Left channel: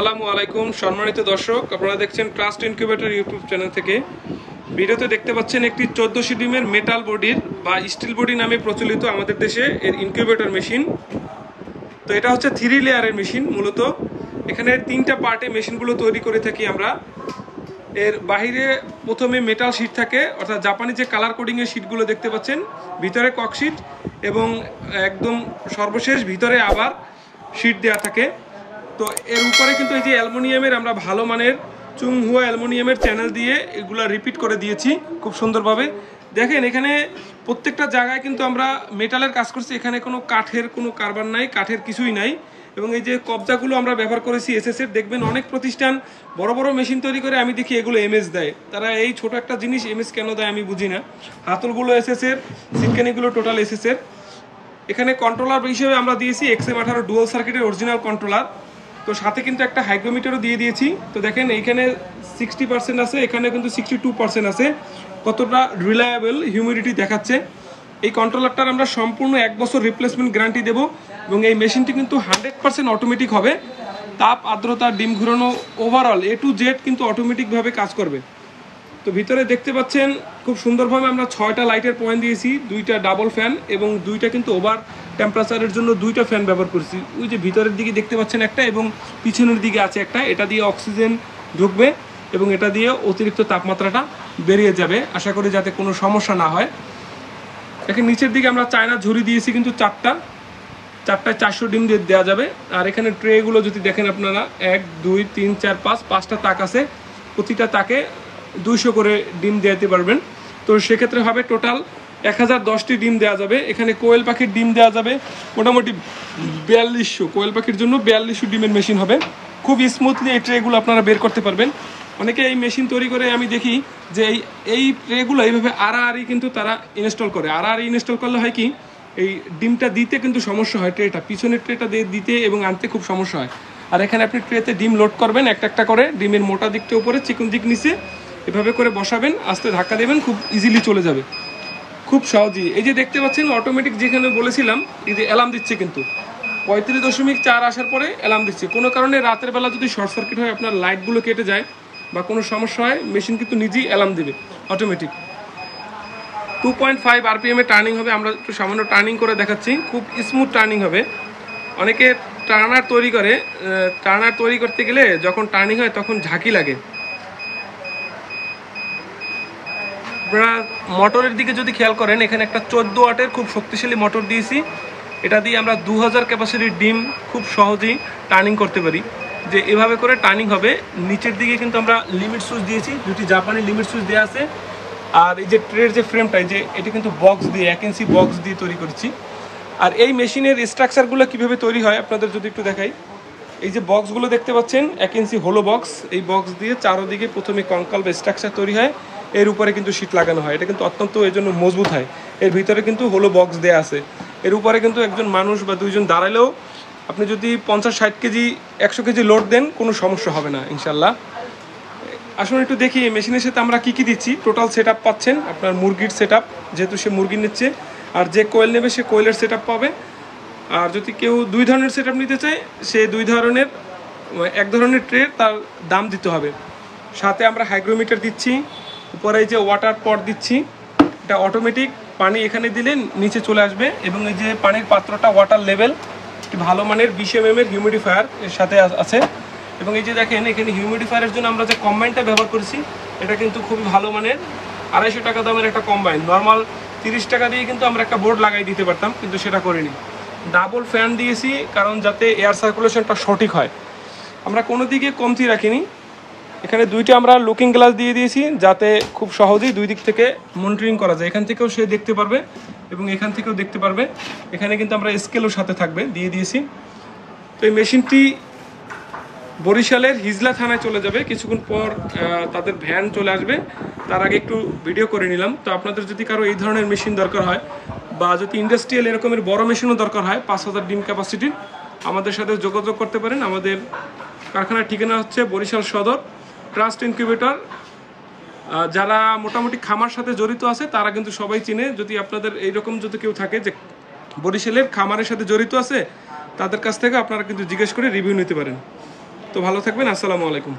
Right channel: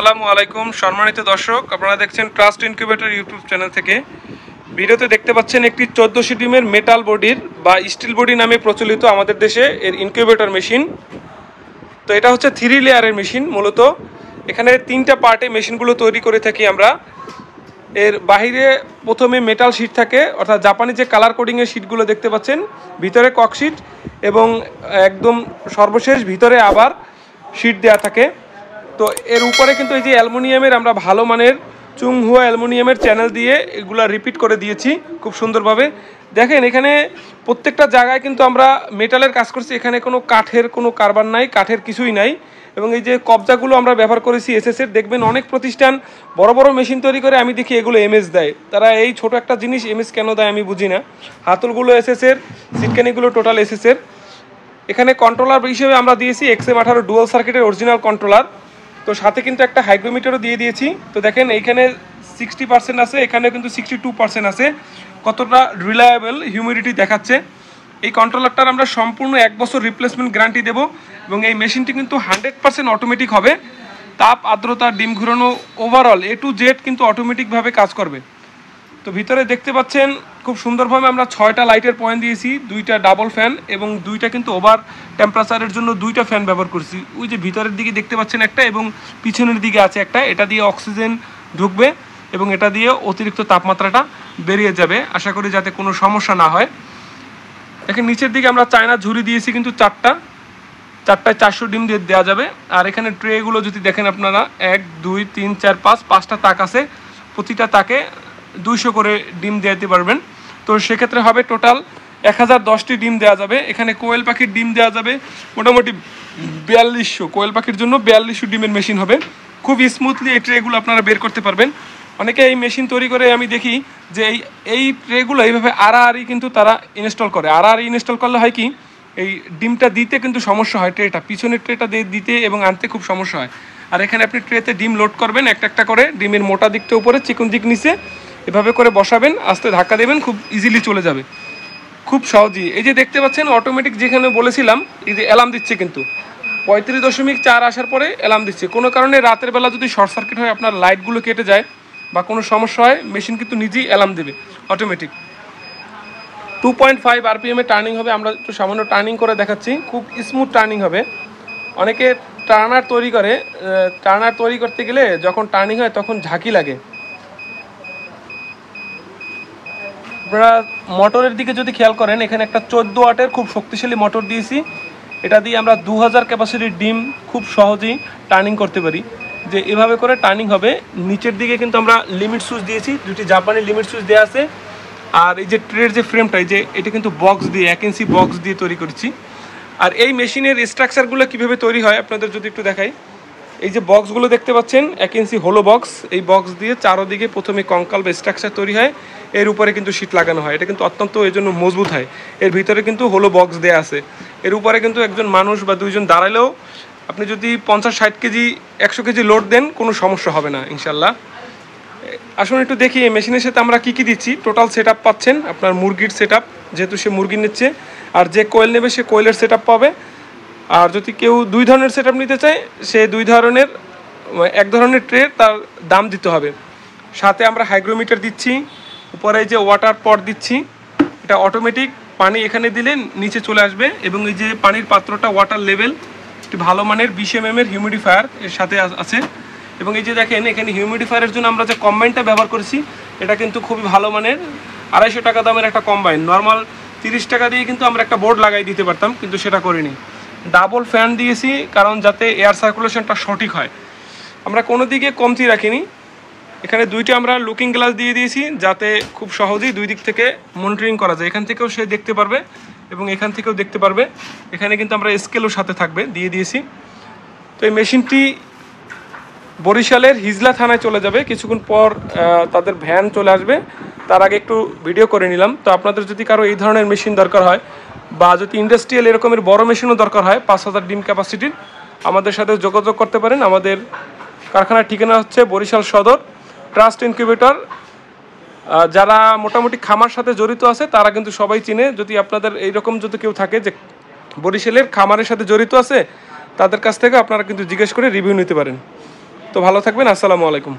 আসসালামু আলাইকুম সম্মানিত দর্শক, আপনারা দেখছেন ট্রাস্ট ইনকিউবেটর ইউটিউব চ্যানেল থেকে। ভিডিওতে দেখতে পাচ্ছেন একটি 1400 ডিমের মেটাল বডির বা স্টিল বডি নামে প্রচলিত আমাদের দেশে এর ইনকিউবেটর মেশিন। তো এটা হচ্ছে 3 লেয়ারের মেশিন। মূলত এখানে 3টা পার্টে মেশিনগুলো তৈরি করে থাকি আমরা। এর বাহিরে প্রথমে মেটাল শিট থাকে, অর্থাৎ জাপানি যে কালার কোডিংয়ের শিটগুলো দেখতে পাচ্ছেন, ভিতরে কক শিট এবং একদম সর্বশেষ ভিতরে আবার শিট দেওয়া থাকে। তো এর উপরে কিন্তু এই যে অ্যালুমিনিয়ামের আমরা ভালো মানের চুংহুয়া অ্যালুমিনিয়ামের চ্যানেল দিয়ে এগুলা রিপিট করে দিয়েছি খুব সুন্দরভাবে। দেখেন এখানে প্রত্যেকটা জায়গায় কিন্তু আমরা মেটালের কাজ করছি, এখানে কোনো কাঠের কোনো কারবার নাই, কাঠের কিছুই নাই। এবং এই যে কবজাগুলো আমরা ব্যবহার করেছি এসএসের। দেখবেন অনেক প্রতিষ্ঠান বড় বড় মেশিন তৈরি করে, আমি দেখি এগুলো এমএস দেয়। তারা এই ছোট একটা জিনিস এমএস কেন দেয় আমি বুঝি না। হাতলগুলো এসএসের, সিটকানিগুলো টোটাল এসএসের। এখানে কন্ট্রোলার হিসেবে আমরা দিয়েছি XM18 ডুয়াল সার্কিটের অরিজিনাল কন্ট্রোলার। তো সাথে কিন্তু একটা হাইগ্রোমিটারও দিয়ে দিয়েছি। তো দেখেন এইখানে 60% আছে, এখানে কিন্তু 62% আছে। কতটা রিলায়েবল হিউমিডিটি দেখাচ্ছে। এই কন্ট্রোলারটার আমরা সম্পূর্ণ 1 বছর রিপ্লেসমেন্ট গ্যারান্টি দেবো। এবং এই মেশিনটি কিন্তু 100% অটোমেটিক হবে। তাপ, আর্দ্রতা, ডিম ঘুরানো, ওভারঅল A to Z কিন্তু অটোমেটিকভাবে কাজ করবে। তো ভিতরে দেখতে পাচ্ছেন খুব সুন্দরভাবে আমরা 6টা লাইটের পয়েন্ট দিয়েছি, 2টা ডাবল ফ্যান এবং 2টা কিন্তু ওভার টেম্পারেচারের জন্য 2টা ফ্যান ব্যবহার করছি। ওই যে ভিতরের দিকে দেখতে পাচ্ছেন একটা এবং পিছনের দিকে আছে একটা। এটা দিয়ে অক্সিজেন ঢুকবে এবং এটা দিয়ে অতিরিক্ত তাপমাত্রাটা বেরিয়ে যাবে, আশা করি যাতে কোনো সমস্যা না হয়। এখানে নিচের দিকে আমরা চায়না ঝুড়ি দিয়েছি কিন্তু 4টায় 400 ডিম দিয়ে দেওয়া যাবে। আর এখানে ট্রেগুলো যদি দেখেন আপনারা 1 2 3 4 5টা তাক আছে, প্রতিটা তাকে 200 করে ডিম দিতে পারবেন। তো সেক্ষেত্রে হবে টোটাল 1010টি ডিম দেওয়া যাবে। এখানে কোয়েল পাখির ডিম দেওয়া যাবে মোটামুটি 4200। কোয়েল পাখির জন্য 4200 ডিমের মেশিন হবে। খুব স্মুথলি এই ট্রেগুলো আপনারা বের করতে পারবেন। অনেকে এই মেশিন তৈরি করে আমি দেখি যে এই ট্রেগুলো এইভাবে আড়াআড়ি কিন্তু তারা ইনস্টল করে। আড়াআড়ি ইনস্টল করলে হয় কি, এই ডিমটা দিতে কিন্তু সমস্যা হয়, ট্রেটা পিছনের ট্রেটা দিতে এবং আনতে খুব সমস্যা হয়। আর এখানে আপনি ট্রেতে ডিম লোড করবেন একটা একটা করে, ডিমের মোটা দিকটা উপরে, চিকন দিক নিচে, এভাবে করে বসাবেন, আস্তে ধাক্কা দেবেন, খুব ইজিলি চলে যাবে, খুব সহজেই। এই যে দেখতে পাচ্ছেন অটোমেটিক, যেখানে বলেছিলাম এই যে অ্যালার্ম দিচ্ছে কিন্তু 35.4 আসার পরে অ্যালার্ম দিচ্ছে। কোনো কারণে রাতের বেলা যদি শর্ট সার্কিট হয়, আপনার লাইটগুলো কেটে যায় বা কোনো সমস্যা হয়, মেশিন কিন্তু নিজেই অ্যালার্ম দেবে অটোমেটিক। 2.5 RPM টার্নিং হবে। আমরা একটু সামান্য টার্নিং করে দেখাচ্ছি, খুব স্মুথ টার্নিং হবে। অনেকে টার্নার তৈরি করে, টার্নার তৈরি করতে গেলে যখন টার্নিং হয় তখন ঝাঁকি লাগে। আপনারা মোটরের দিকে যদি খেয়াল করেন, এখানে একটা 14 ওয়াটের খুব শক্তিশালী মোটর দিয়েছি। এটা দিয়ে আমরা 2000 ক্যাপাসিটির ডিম খুব সহজেই টার্নিং করতে পারি। যে এভাবে করে টার্নিং হবে। নিচের দিকে কিন্তু আমরা লিমিট সুইচ দিয়েছি, 2টি জাপানি লিমিট সুইচ দেওয়া আছে। আর এই যে ট্রের যে ফ্রেমটা, এই যে এটা কিন্তু বক্স দিয়ে 1 ইঞ্চি বক্স দিয়ে তৈরি করেছি। আর এই মেশিনের স্ট্রাকচারগুলো কিভাবে তৈরি হয় আপনাদের যদি একটু দেখাই। এই যে বক্সগুলো দেখতে পাচ্ছেন 1 ইঞ্চি হোলো বক্স, এই বক্স দিয়ে চারোদিকে প্রথমে কঙ্কাল বা স্ট্রাকচার তৈরি হয়, এর উপরে কিন্তু শীট লাগানো হয়। এটা কিন্তু অত্যন্ত এর জন্য মজবুত হয়। এর ভিতরে কিন্তু হোলো বক্স দেওয়া আছে। এর উপরে কিন্তু একজন মানুষ বা 2জন দাঁড়ালেও, আপনি যদি 50-60 কেজি 100 কেজি লোড দেন, কোনো সমস্যা হবে না ইনশাল্লাহ। আসুন একটু দেখি এই মেশিনের সাথে আমরা কি দিচ্ছি। টোটাল সেট পাচ্ছেন আপনার মুরগির সেট, যেহেতু সে মুরগি নিচ্ছে। আর যে কোয়েল নেবে সে কোয়েলের সেট পাবে। আর যদি কেউ 2 ধরনের সেট নিতে চায়, সে 2 ধরনের, 1 ধরনের ট্রে তার দাম দিতে হবে। সাথে আমরা হাইগ্রোমিটার দিচ্ছি, উপরে এই যে ওয়াটার পট দিচ্ছি, এটা অটোমেটিক পানি এখানে দিলে নিচে চলে আসবে। এবং এই যে পানির পাত্রটা ওয়াটার লেভেল, একটি ভালো মানের 20 mm হিউমিডিফায়ার এর সাথে আছে। এবং এই যে দেখেন এখানে হিউমিডিফায়ারের জন্য আমরা যে কম্বাইনটা ব্যবহার করেছি, এটা কিন্তু খুবই ভালো মানের। 250 টাকা দামের একটা কম্বাইন। নর্মাল 30 টাকা দিয়ে কিন্তু আমরা একটা বোর্ড লাগাই দিতে পারতাম, কিন্তু সেটা করিনি। ডাবল ফ্যান দিয়েছি কারণ যাতে এয়ার সার্কুলেশনটা সঠিক হয়। আমরা কোনো দিকে কমতি রাখিনি। এখানে 2টা আমরা লুকিং গ্লাস দিয়ে দিয়েছি, যাতে খুব সহজেই 2 দিক থেকে মনিটরিং করা যায়। এখান থেকেও সে দেখতে পারবে এবং এখান থেকেও দেখতে পারবে। এখানে কিন্তু আমরা স্কেলও সাথে থাকবে দিয়ে দিয়েছি। তো এই মেশিনটি বরিশালের হিজলা থানায় চলে যাবে কিছুক্ষণ পর, তাদের ভ্যান চলে আসবে। তার আগে একটু ভিডিও করে নিলাম। তো আপনাদের যদি কারো এই ধরনের মেশিন দরকার হয়, বা যদি ইন্ডাস্ট্রিয়াল এরকমের বড় মেশিনও দরকার হয় 5000 ডিম ক্যাপাসিটির, আমাদের সাথে যোগাযোগ করতে পারেন। আমাদের কারখানার ঠিকানা হচ্ছে বরিশাল সদর, ট্রাস্ট ইনকিউবেটর। যারা মোটামুটি খামার সাথে জড়িত আছে তারা কিন্তু সবাই চিনে। যদি আপনাদের এইরকম যদি কেউ থাকে যে বরিশালের খামারের সাথে জড়িত আছে, তাদের কাছ থেকে আপনারা কিন্তু জিজ্ঞেস করে রিভিউ নিতে পারেন। তো ভালো থাকবেন, আসসালামু আলাইকুম।